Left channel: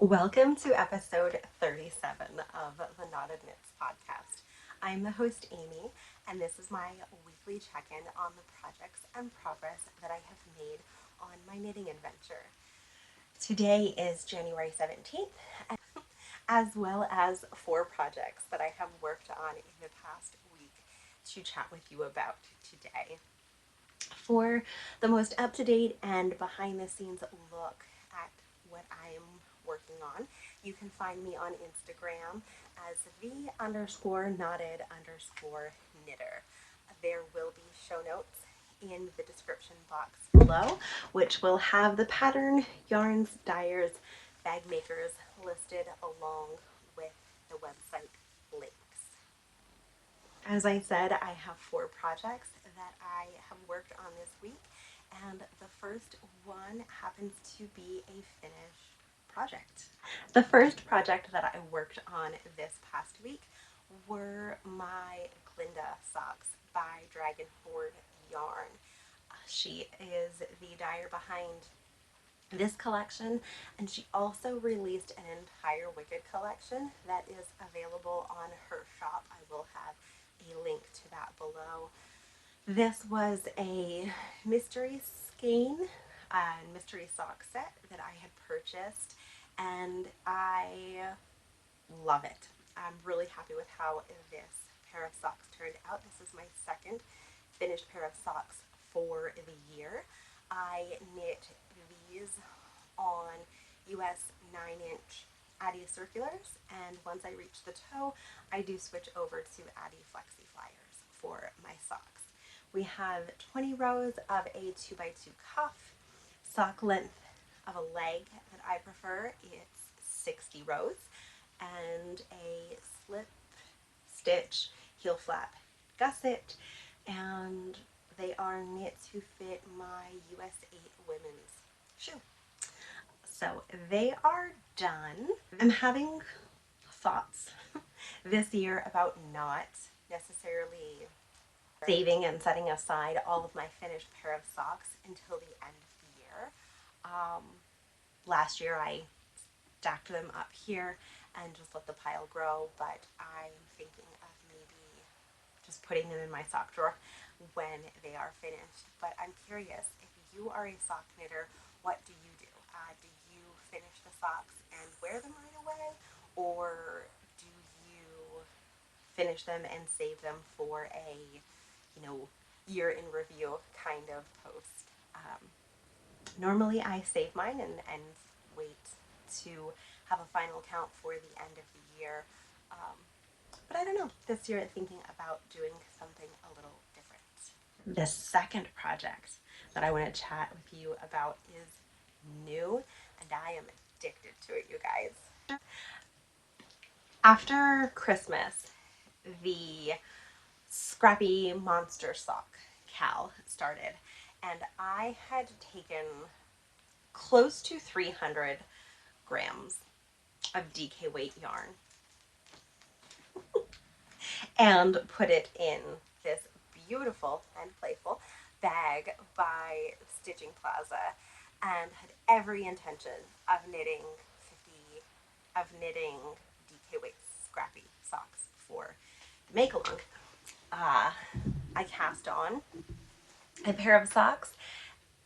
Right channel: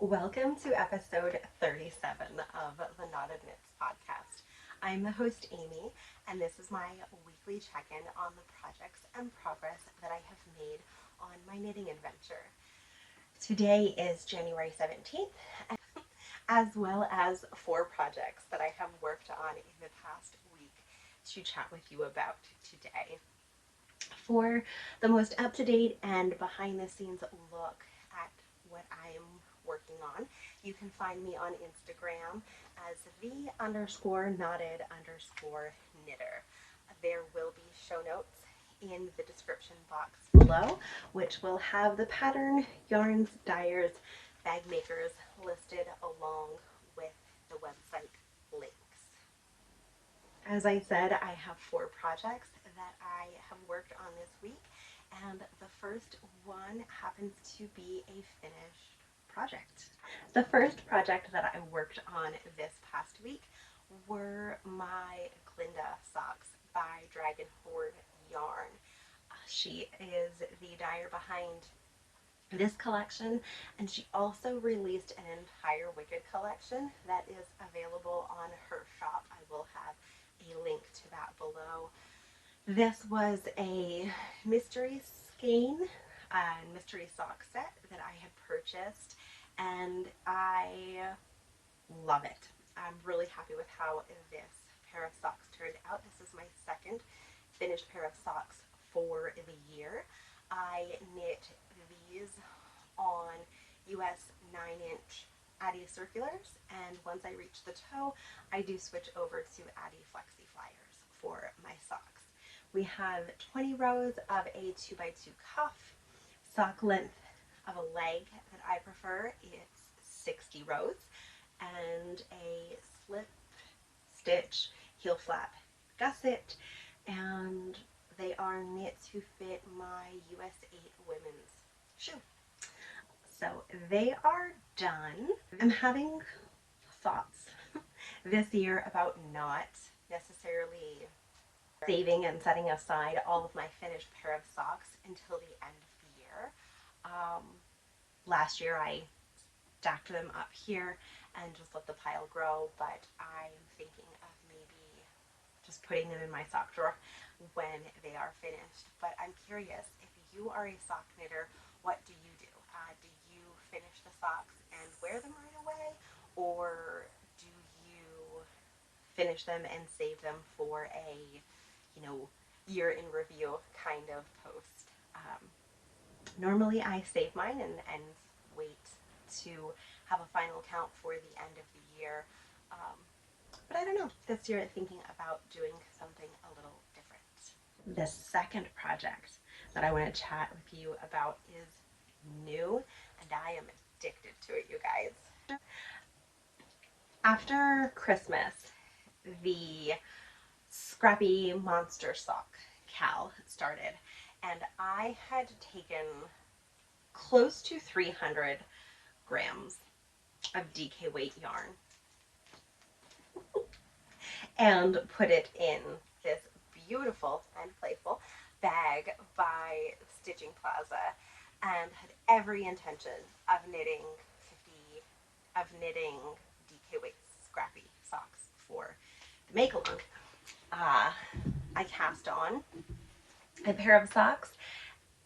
Welcome to episode 37 of the Knotted Knits podcast. I'm the host, Amy, and this is my weekly check-in on the projects and progress that I have made on my knitting adventure. Today is January 17th, as well as 4 projects that I have worked on in the past week to chat with you about today. For the most up-to-date and behind-the-scenes look at what I'm working on, you can find me on Instagram as the_knotted_knitter. There will be show notes in the description box below, which will have the pattern, yarns, dyers, bag makers listed along with the website links. As I said, I have 4 projects that I have worked on this week, and the first one happens to be a finished project. The first project that I worked on this past week were my Glinda socks by Hoard yarn. She is the dyer behind this collection, and she also released an entire Wicked collection that is available on her shop. I will have a link to that below. This was a mystery skein and mystery sock set that I had purchased, and I love it. I'm really happy with how this pair of socks turned out. This is my second finished pair of socks for the year. I knit these on US 9-inch addi circulars, and once I reach the toe, I do switch over to addi flexi flyers for my socks. We have 20 rows of a 2x2 cuff, sock length of a leg that I prefer. It's 60 rows, and a slip stitch heel flap gusset, and they are knit to fit my US 8 women's shoe. So they are done. I'm having thoughts this year about not necessarily saving and setting aside all of my finished pair of socks until the end of the year. Last year I stacked them up here and just let the pile grow, but I'm thinking of maybe just putting them in my sock drawer when they are finished. But I'm curious, if you are a sock knitter, what do you do? Do you finish the socks and wear them right away, or do you finish them and save them for a, year in review kind of post? Normally I save mine and wait to have a final count for the end of the year. But I don't know, this year I'm thinking about doing something a little different. The second project that I want to chat with you about is new, and I am addicted to it, you guys. After Christmas, the Scrappy Monster Sock Cal started, and I had taken close to 300 grams of DK weight yarn and put it in this beautiful and playful bag by Stitching Plaza, and had every intention of knitting DK weight Scrappy socks for the make along. I cast on a pair of socks,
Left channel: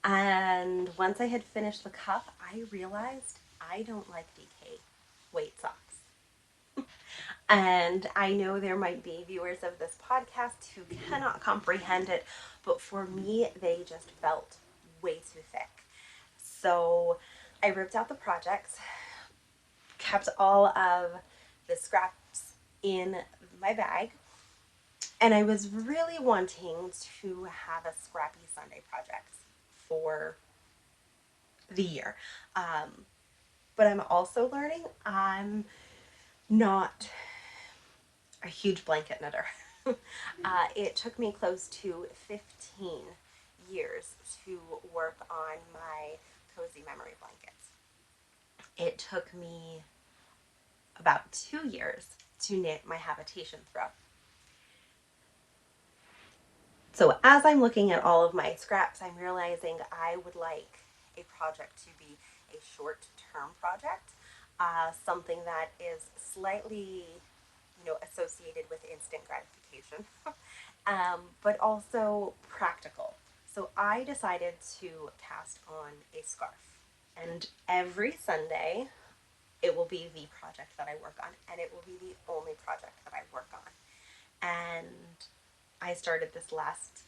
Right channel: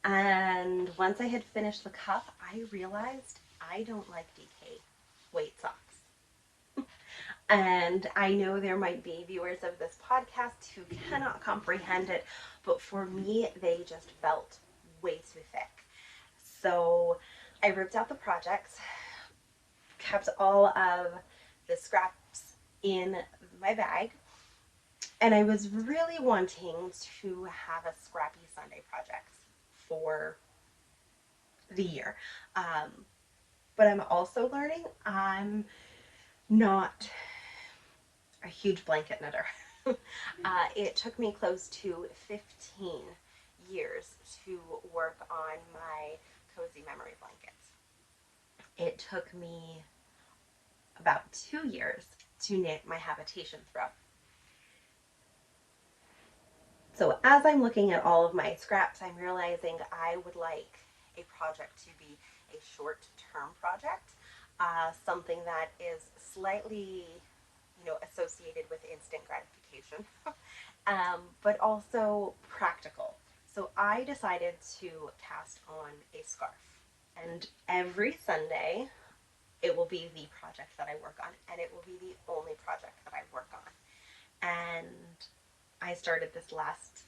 and once I had finished the cuff, I realized I don't like DK weight socks. And I know there might be viewers of this podcast who cannot comprehend it, but for me, they just felt way too thick. So I ripped out the projects, kept all of the scraps in my bag, and I was really wanting to have a Scrappy Sunday project for the year. But I'm also learning I'm not a huge blanket knitter. It took me close to 15 years to work on my cozy memory blankets. It took me about 2 years to knit my habitation throw. So as I'm looking at all of my scraps, I'm realizing I would like a project to be a short-term project. something that is slightly, associated with instant gratification, but also practical. So I decided to cast on a scarf, and every Sunday it will be the project that I work on, and it will be the only project that I work on. And I started this last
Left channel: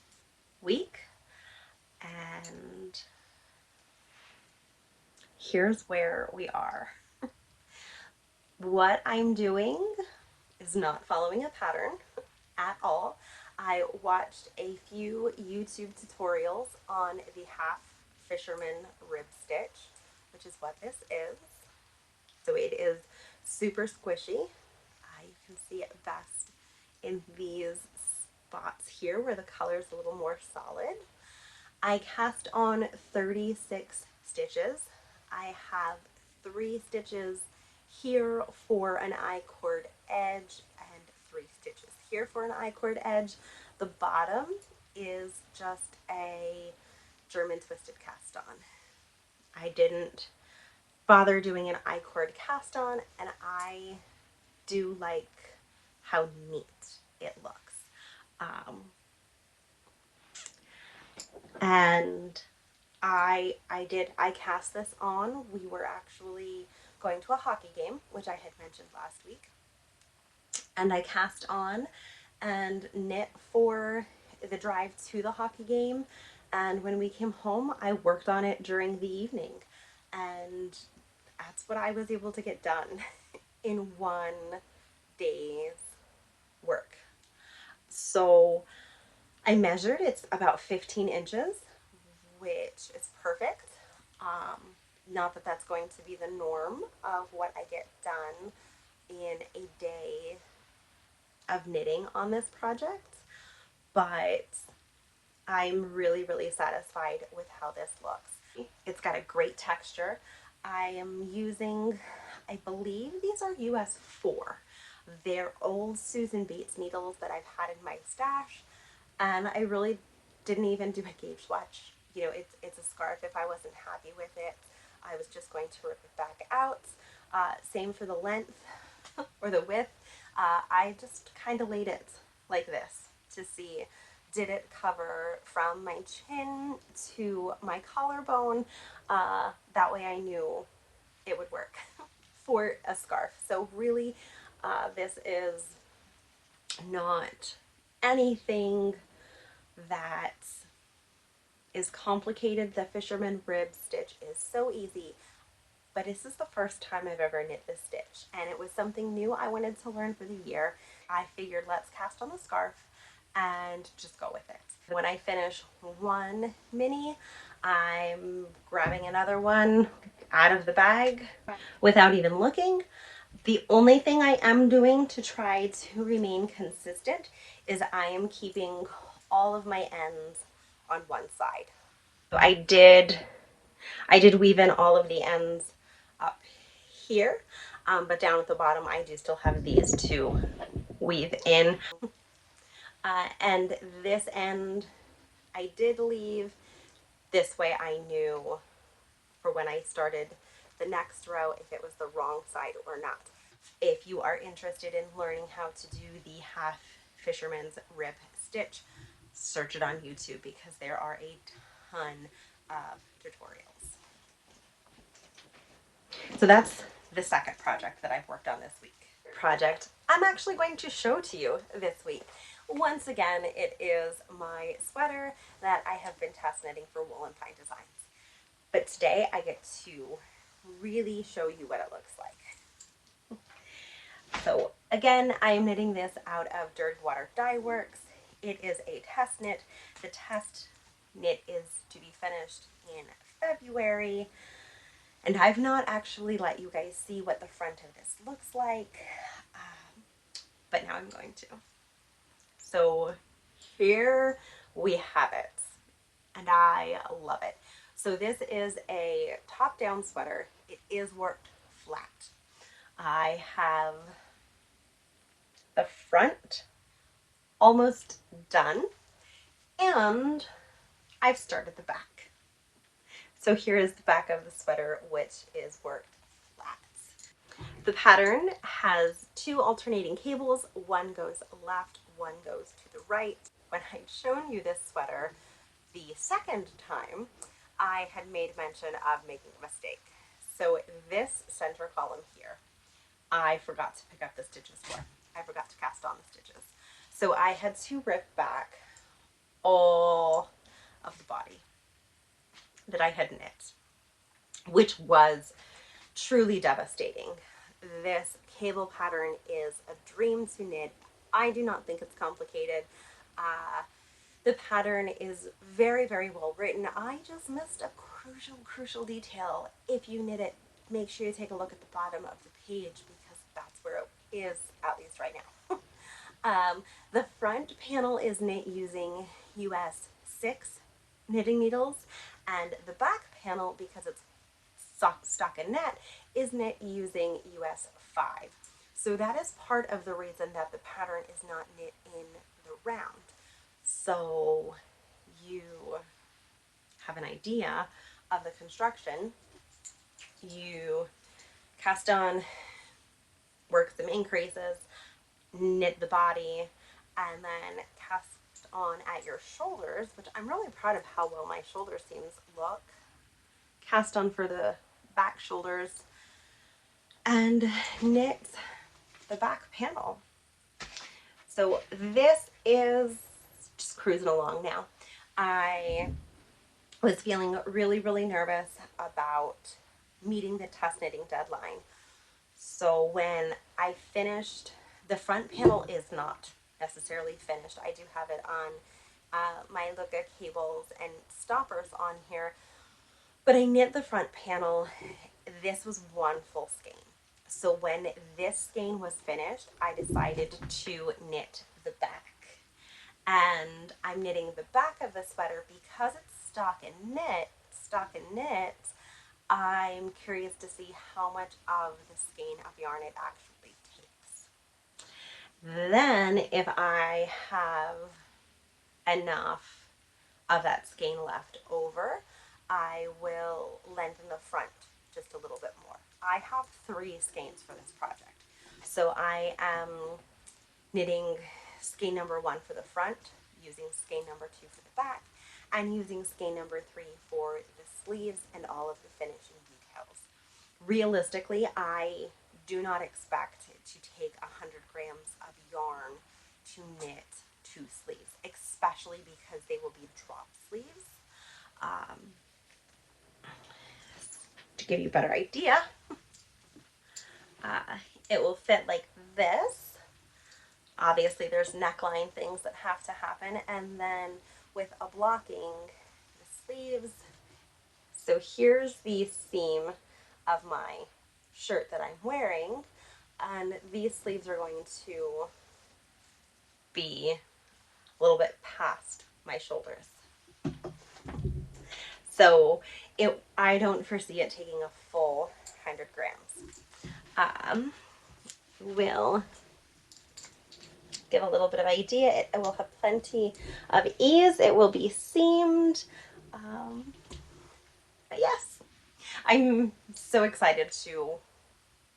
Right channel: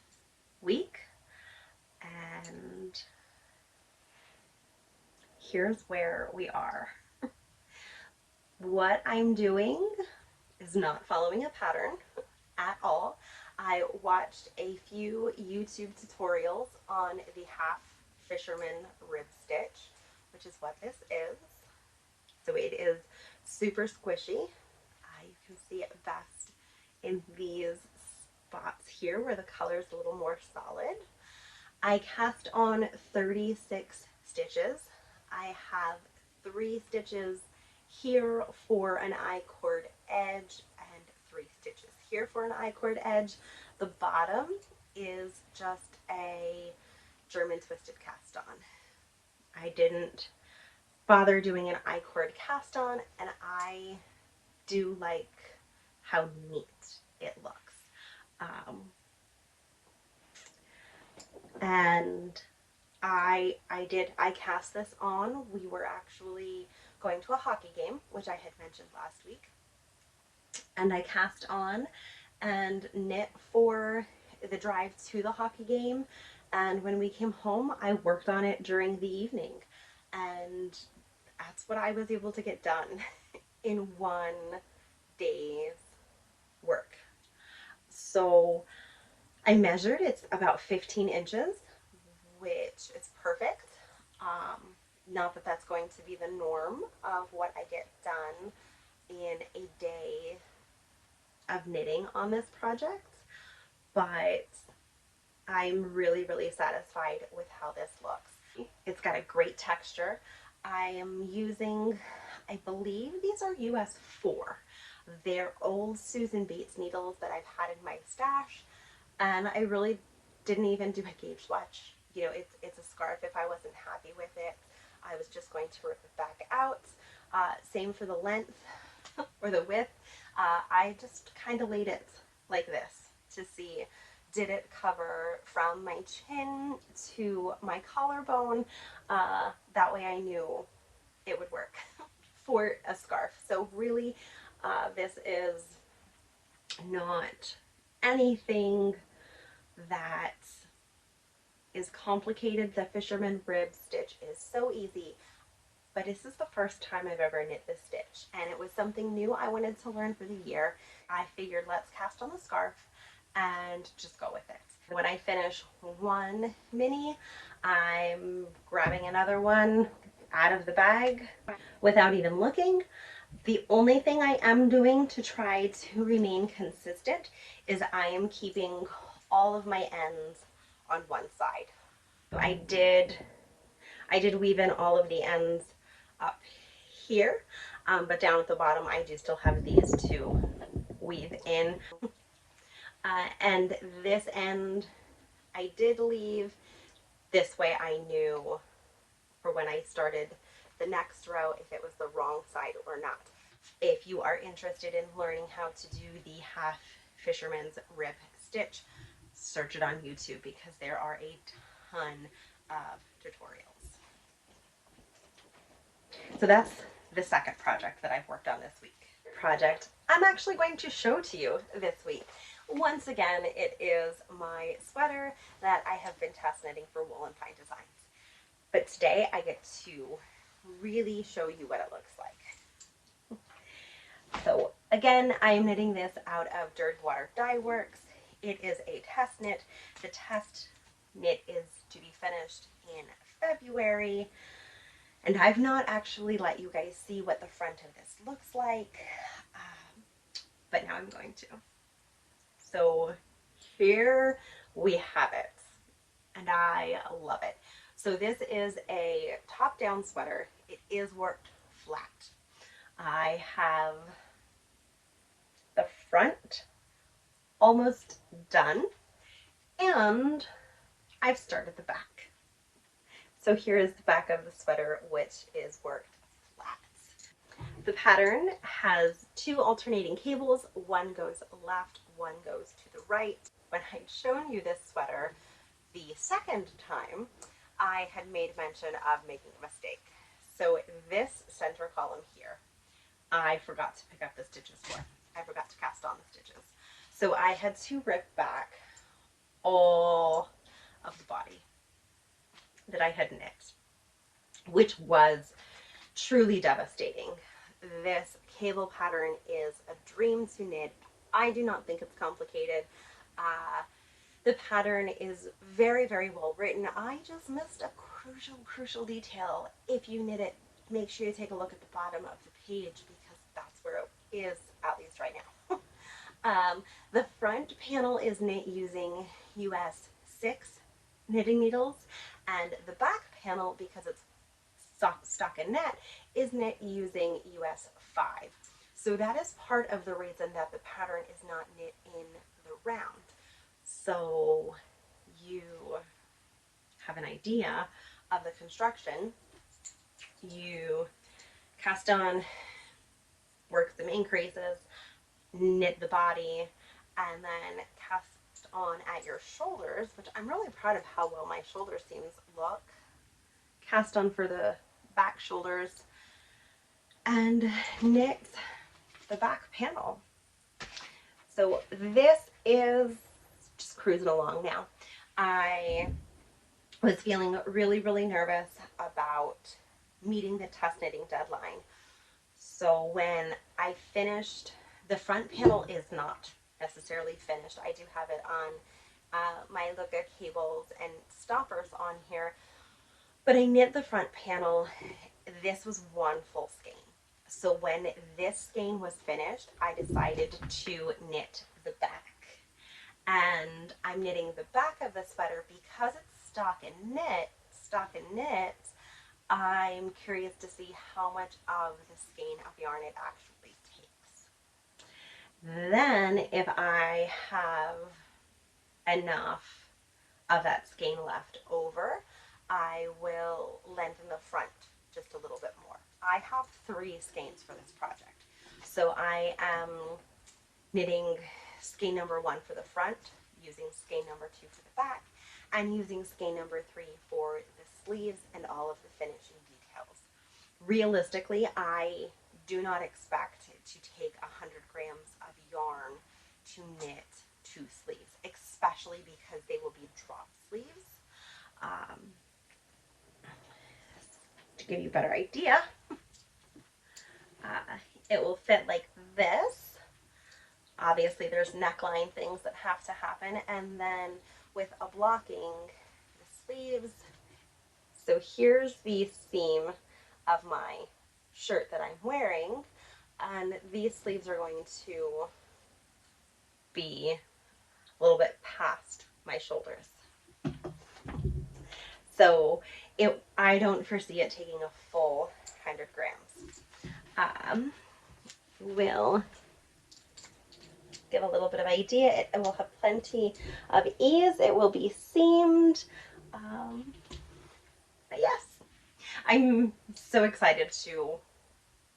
week, and here's where we are. What I'm doing is not following a pattern at all. I watched a few YouTube tutorials on the half fisherman rib stitch, which is what this is. So it is super squishy. You can see it best in these spots here where the color is a little more solid. I cast on 36 stitches. I have 3 stitches here for an icord edge and 3 stitches here for an icord edge. The bottom is just a German twisted cast on. I didn't bother doing an icord cast on, and I do like how neat it looks. And I cast this on. We were actually going to a hockey game, which I had mentioned last week. And I cast on and knit for the drive to the hockey game. And when we came home, I worked on it during the evening. And that's what I was able to get done in one day's work. So I measured, it's about 15 inches, which is perfect. Not that that's going to be the norm of what I get done in a day of knitting on this project, but I'm really, really satisfied with how this looks. It's got a great texture. I am using, I believe these are US 4. They're old Susan Bates needles that I've had in my stash, and I really didn't even do a gauge swatch. It's a scarf. If I wasn't happy with it, I was just going to rip it back out. Same for the length or the width. I just kind of laid it like this to see, did it cover from my chin to my collarbone? That way I knew it would work for a scarf. So really, this is not anything that is complicated. The fisherman rib stitch is so easy, but this is the first time I've ever knit this stitch, and it was something new I wanted to learn for the year. I figured let's cast on the scarf and just go with it. When I finish one mini, I'm grabbing another one out of the bag without even looking. The only thing I am doing to try to remain consistent is I am keeping all of my ends on one side. So I did weave in all of the ends up here, but down at the bottom I do still have these to weave in. And this end I did leave. This way I knew for when I started the next row if it was the wrong side or not. If you are interested in learning how to do the half fisherman's rib stitch, search it on YouTube because there are a ton of tutorials. So that's the second project that I've worked on this week. Project I'm actually going to show to you this week. Once again, it is my sweater that I have been test knitting for Wool and Pine Designs. But today I get to really show you what it looks like. So again, I am knitting this out of Dirt Water Dye Works. It is a test knit. The test knit is to be finished in February. And I've not actually let you guys see what the front of this looks like, but now I'm going to. So here we have it, and I love it. So this is a top-down sweater. It is worked flat. I have the front almost done, and I've started the back. So here is the back of the sweater, which is worked flat. The pattern has two alternating cables. One goes left, one goes to the right. When I'd shown you this sweater the second time, I had made mention of making a mistake. So this center column here, I forgot to pick up the stitches for. I forgot to cast on the stitches. So I had to rip back all of the body that I had knit, which was truly devastating. This cable pattern is a dream to knit. I do not think it's complicated. The pattern is very, very well written. I just missed a crucial detail. If you knit it, make sure you take a look at the bottom of the page because that's where it is, at least right now. The front panel is knit using US 6 knitting needles, and the back panel, because it's stockinette, is knit using US 5. So that is part of the reason that the pattern is not knit in the round. So you have an idea of the construction. You cast on, work some increases, knit the body, and then cast on at your shoulders, which I'm really proud of how well my shoulder seams look. Cast on for the back shoulders and knit the back panel. So this is just cruising along now. I was feeling really nervous about meeting the test knitting deadline. So when I finished, the front panel is not necessarily finished. I do have it on my Lykke cables and stoppers on here, but I knit the front panel. This was one full skein. So when this skein was finished, I decided to knit the back. And I'm knitting the back of the sweater because it's stockinette. I'm curious to see how much of the skein of yarn it actually takes. Then if I have enough of that skein left over, I will lengthen the front just a little bit more. I have 3 skeins for this project. So I am knitting skein number 1 for the front, using skein number 2 for the back, and using skein number 3 for the sleeves and all of the finishing details. Realistically, I do not expect to take 100 grams of yarn to knit 2 sleeves, especially because they will be drop sleeves. To give you a better idea, it will fit like this. Obviously there's neckline things that have to happen, and then with a blocking, the sleeves. So here's the seam of my shirt that I'm wearing, and these sleeves are going to be a little bit past my shoulders. So I don't foresee it taking a full 100 grams. Will give a little bit of idea. It will have plenty of ease. It will be seamed. But yes, I'm so excited to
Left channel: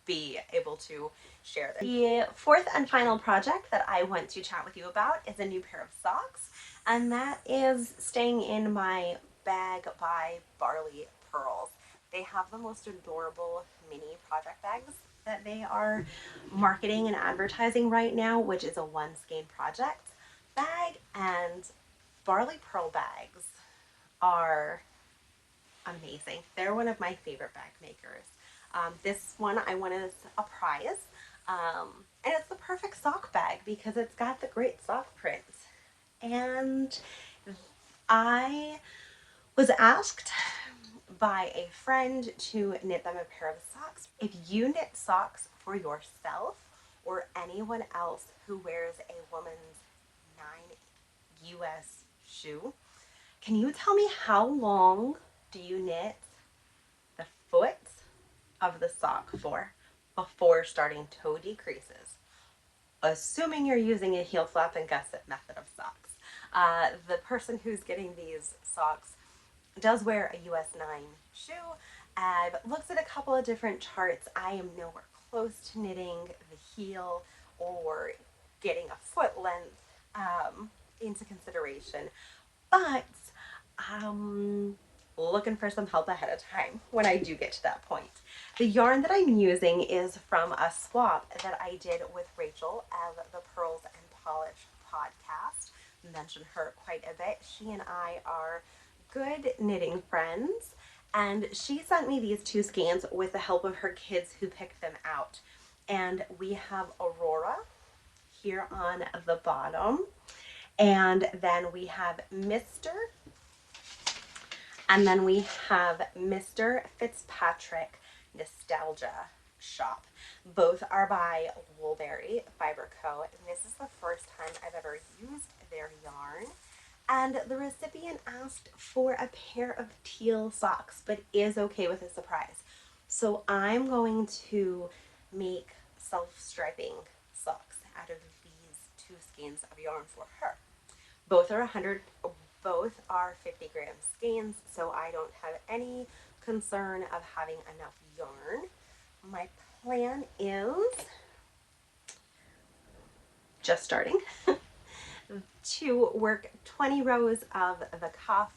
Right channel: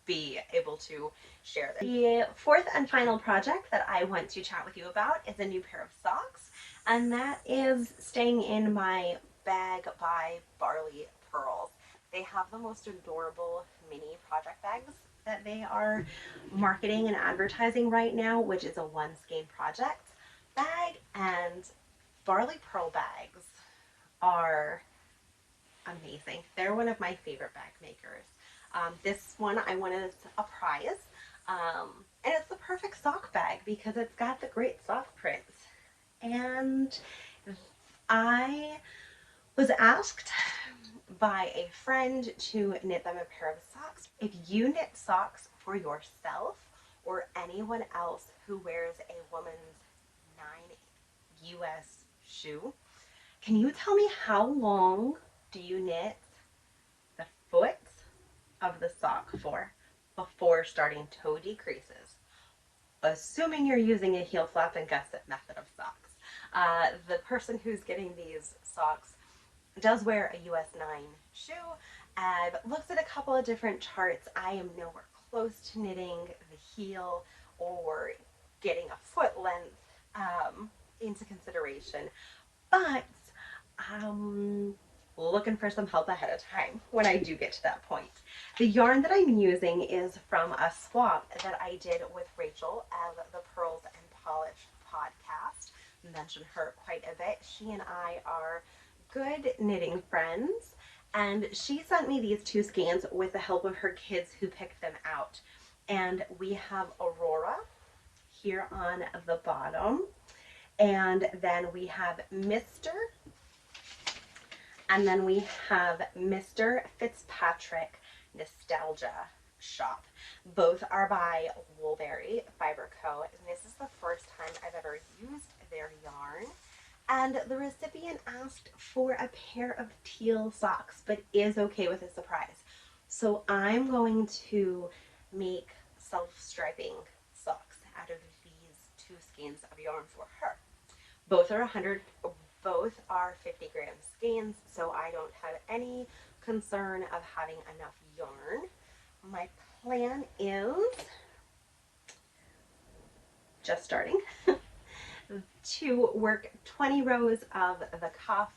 be able to share this. The fourth and final project that I want to chat with you about is a new pair of socks, and that is staying in my Bag by Barley Pearls. They have the most adorable mini project bags that they are marketing and advertising right now, which is a 1 skein project bag, and Barley Pearl bags are amazing. They're one of my favorite bag makers. This one I won as a prize, and it's the perfect sock bag because it's got the great sock prints. And I was asked by a friend to knit them a pair of socks. If you knit socks for yourself or anyone else who wears a woman's 9 US shoe, can you tell me how long do you knit the foot of the sock for before starting toe decreases? Assuming you're using a heel flap and gusset method of socks. The person who's getting these socks does wear a US 9 shoe. I've looked at a couple of different charts. I am nowhere close to knitting the heel or getting a foot length into consideration, but looking for some help ahead of time when I do get to that point. The yarn that I'm using is from a swap that I did with Rachel of the Pearls and Polish podcast. Mention her quite a bit. She and I are good knitting friends, and she sent me these two skeins with the help of her kids who picked them out. And we have Aurora here on the bottom, and then we have Mr. And then we have Mr. Fitzpatrick Nostalgia Shop. Both are by Woolberry Fiber Co. And this is the first time I've ever used their yarn. And the recipient asked for a pair of teal socks, but is okay with a surprise. So I'm going to make self-striping socks out of these two skeins of yarn for her. Both are 50-gram skeins, so I don't have any concern of having enough yarn. My plan is just starting to work 20 rows of the cuff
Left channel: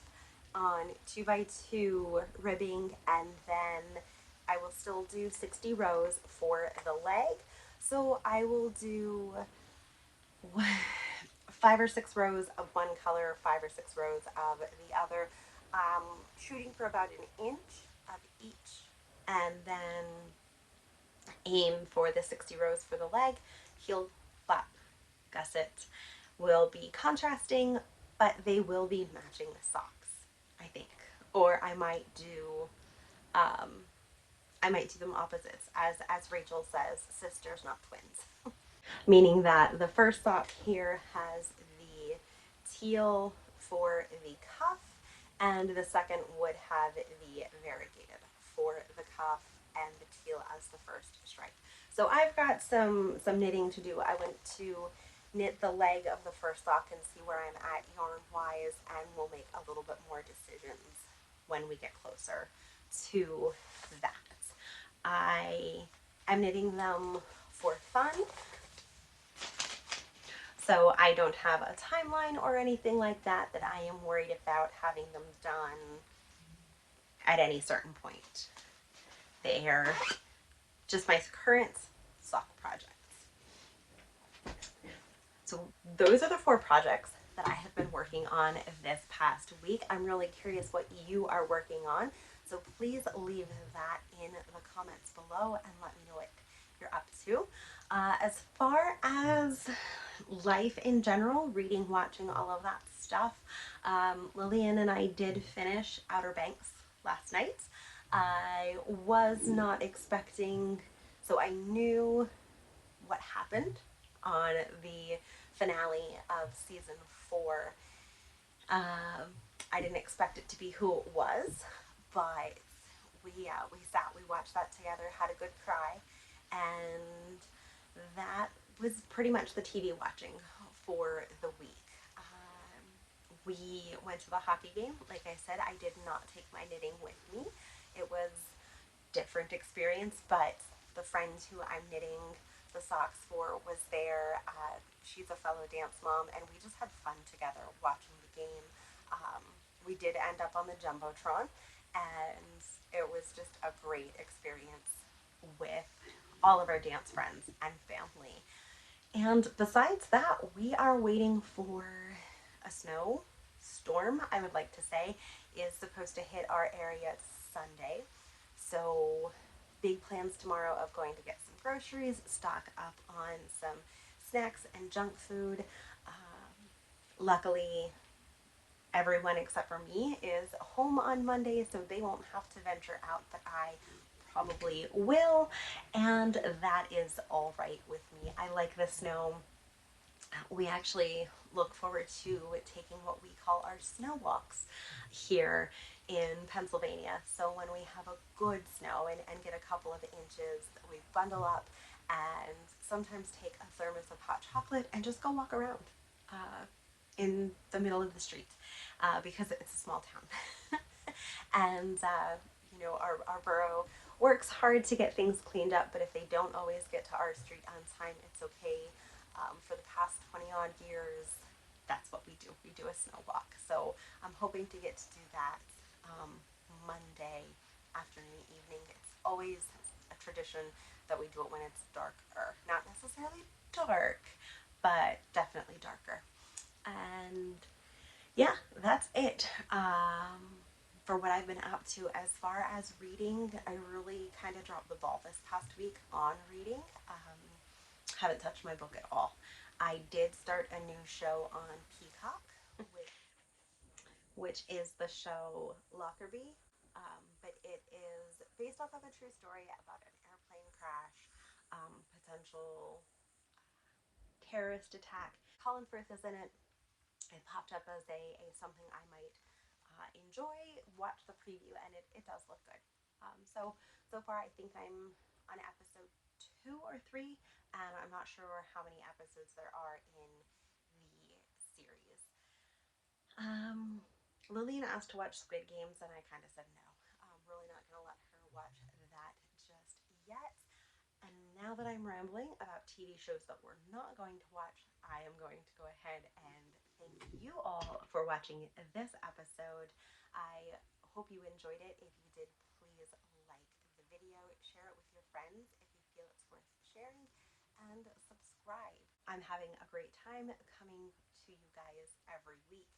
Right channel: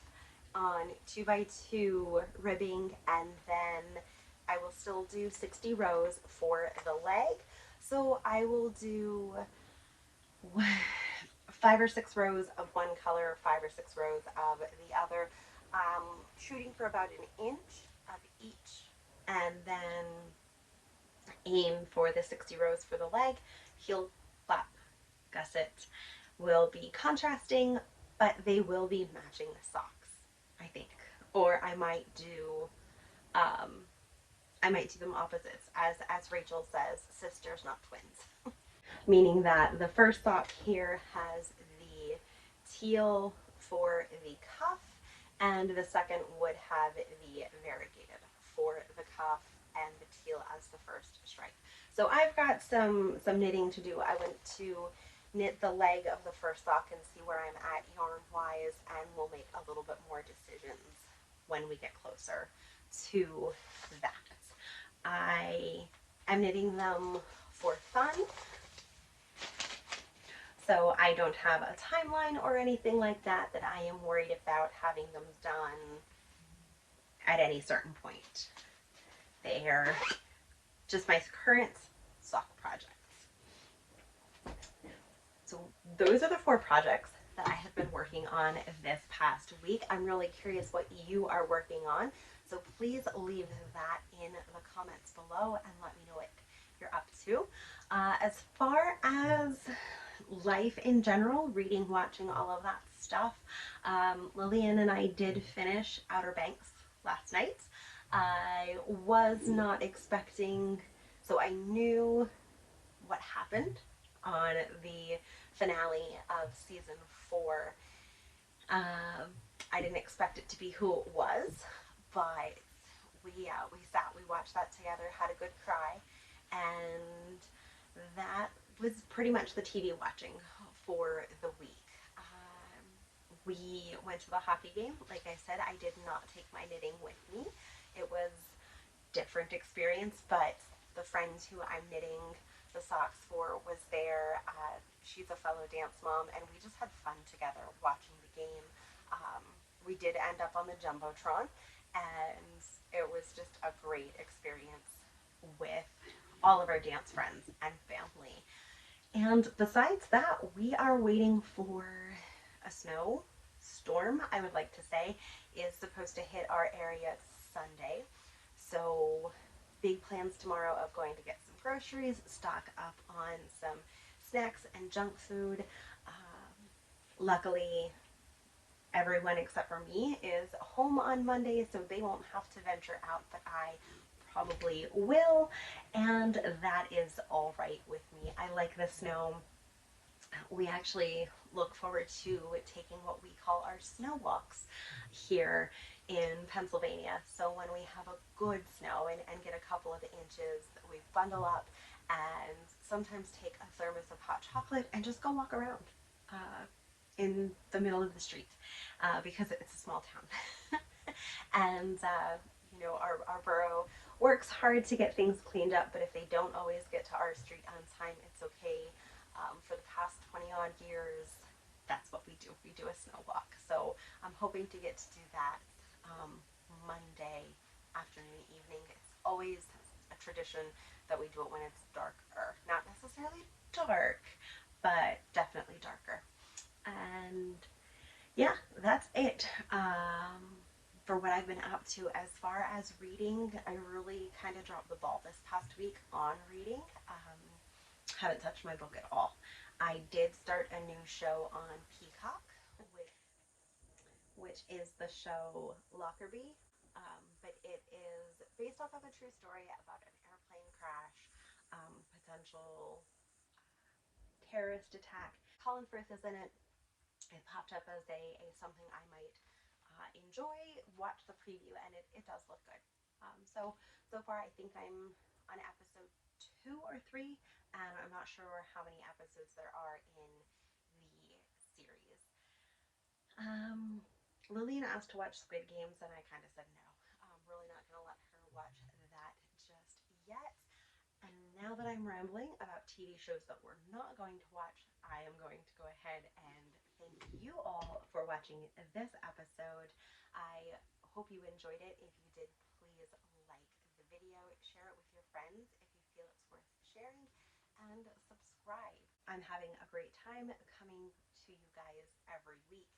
on 2x2 ribbing, and then I will still do 60 rows for the leg. So I will do 5 or 6 rows of one color, 5 or 6 rows of the other, shooting for about an inch of each, and then aim for the 60 rows for the leg. Heel, flap, gusset will be contrasting, but they will be matching the socks, I think. Or I might do them opposites, as Rachel says, sisters, not twins. Meaning that the first sock here has the teal for the cuff, and the second would have the variegated for the cuff and the teal as the first stripe. So I've got some knitting to do. I went to knit the leg of the first sock and see where I'm at yarn wise, and we'll make a little bit more decisions when we get closer to that. I am knitting them for fun, so I don't have a timeline or anything like that I am worried about having them done at any certain point. They're just my current sock projects. So those are the 4 projects that I have been working on this past week. I'm really curious what you are working on, so please leave that in the comments below and let me know what you're up to. As far as life in general, reading, watching, all of that stuff, Lillian and I did finish Outer Banks last night. I was not expecting, so I knew what happened on the finale of season 4. I didn't expect it to be who it was, but we sat, we watched that together, had a good cry, and that was pretty much the TV watching for the week. We went to the hockey game. Like I said, I did not take my knitting with me. It was a different experience, but the friend who I'm knitting the socks for was there. She's a fellow dance mom, and we just had fun together watching the game. We did end up on the Jumbotron, and it was just a great experience with all of our dance friends and family. And besides that, we are waiting for a snowstorm, I would like to say, is supposed to hit our area Sunday. So big plans tomorrow of going to get some groceries, stock up on some snacks and junk food. Luckily, everyone except for me is home on Monday, so they won't have to venture out, but I probably will, and that is all right with me. I like the snow. We actually look forward to taking what we call our snow walks here in Pennsylvania. So when we have a good snow and get a couple of inches, we bundle up and sometimes take a thermos of hot chocolate and just go walk around in the middle of the street because it's a small town. And you know, our borough works hard to get things cleaned up, but if they don't always get to our street on time, it's okay. For the past 20 odd years, that's what we do. We do a snow walk. So I'm hoping to get to do that Monday afternoon, evening. It's always a tradition that we do it when it's darker. Not necessarily dark, but definitely darker. And yeah, that's it. For what I've been up to as far as reading, I really kind of dropped the ball this past week on reading. Haven't touched my book at all. I did start a new show on Peacock, which is the show Lockerbie, but it is based off of a true story about an airplane crash, potential terrorist attack. Colin Firth is in it. It popped up as a something I might enjoy. Watch the preview, and it does look good. So far, I think I'm on episode 2 or 3, and I'm not sure how many episodes there are in the series. Lillian asked to watch Squid Games, and I kind of said no. I'm really not going to let her watch that just yet. And now that I'm rambling about TV shows that we're not going to watch, I am going to go ahead and thank you all for watching this episode. I hope you enjoyed it. If you did, please like the video, share it with your friends if you feel it's worth sharing, and subscribe. I'm having a great time coming to you guys every week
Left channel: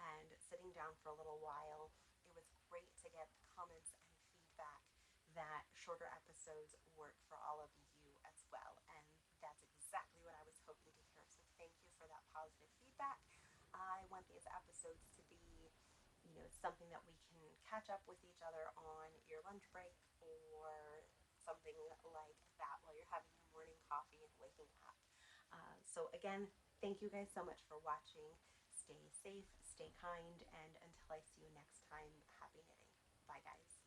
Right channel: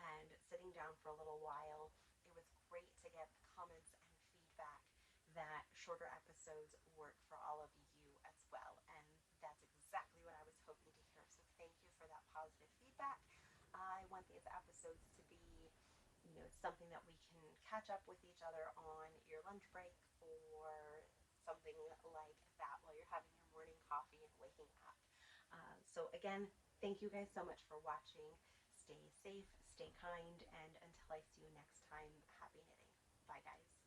and sitting down for a little while. It was great to get comments and feedback that shorter episodes work for all of you as well, and that's exactly what I was hoping to hear. So thank you for that positive feedback. I want these episodes to be, something that we can catch up with each other on your lunch break or something like that while you're having your morning coffee and waking up. So again, thank you guys so much for watching. Stay safe, stay kind, and until I see you next time, happy knitting. Bye guys.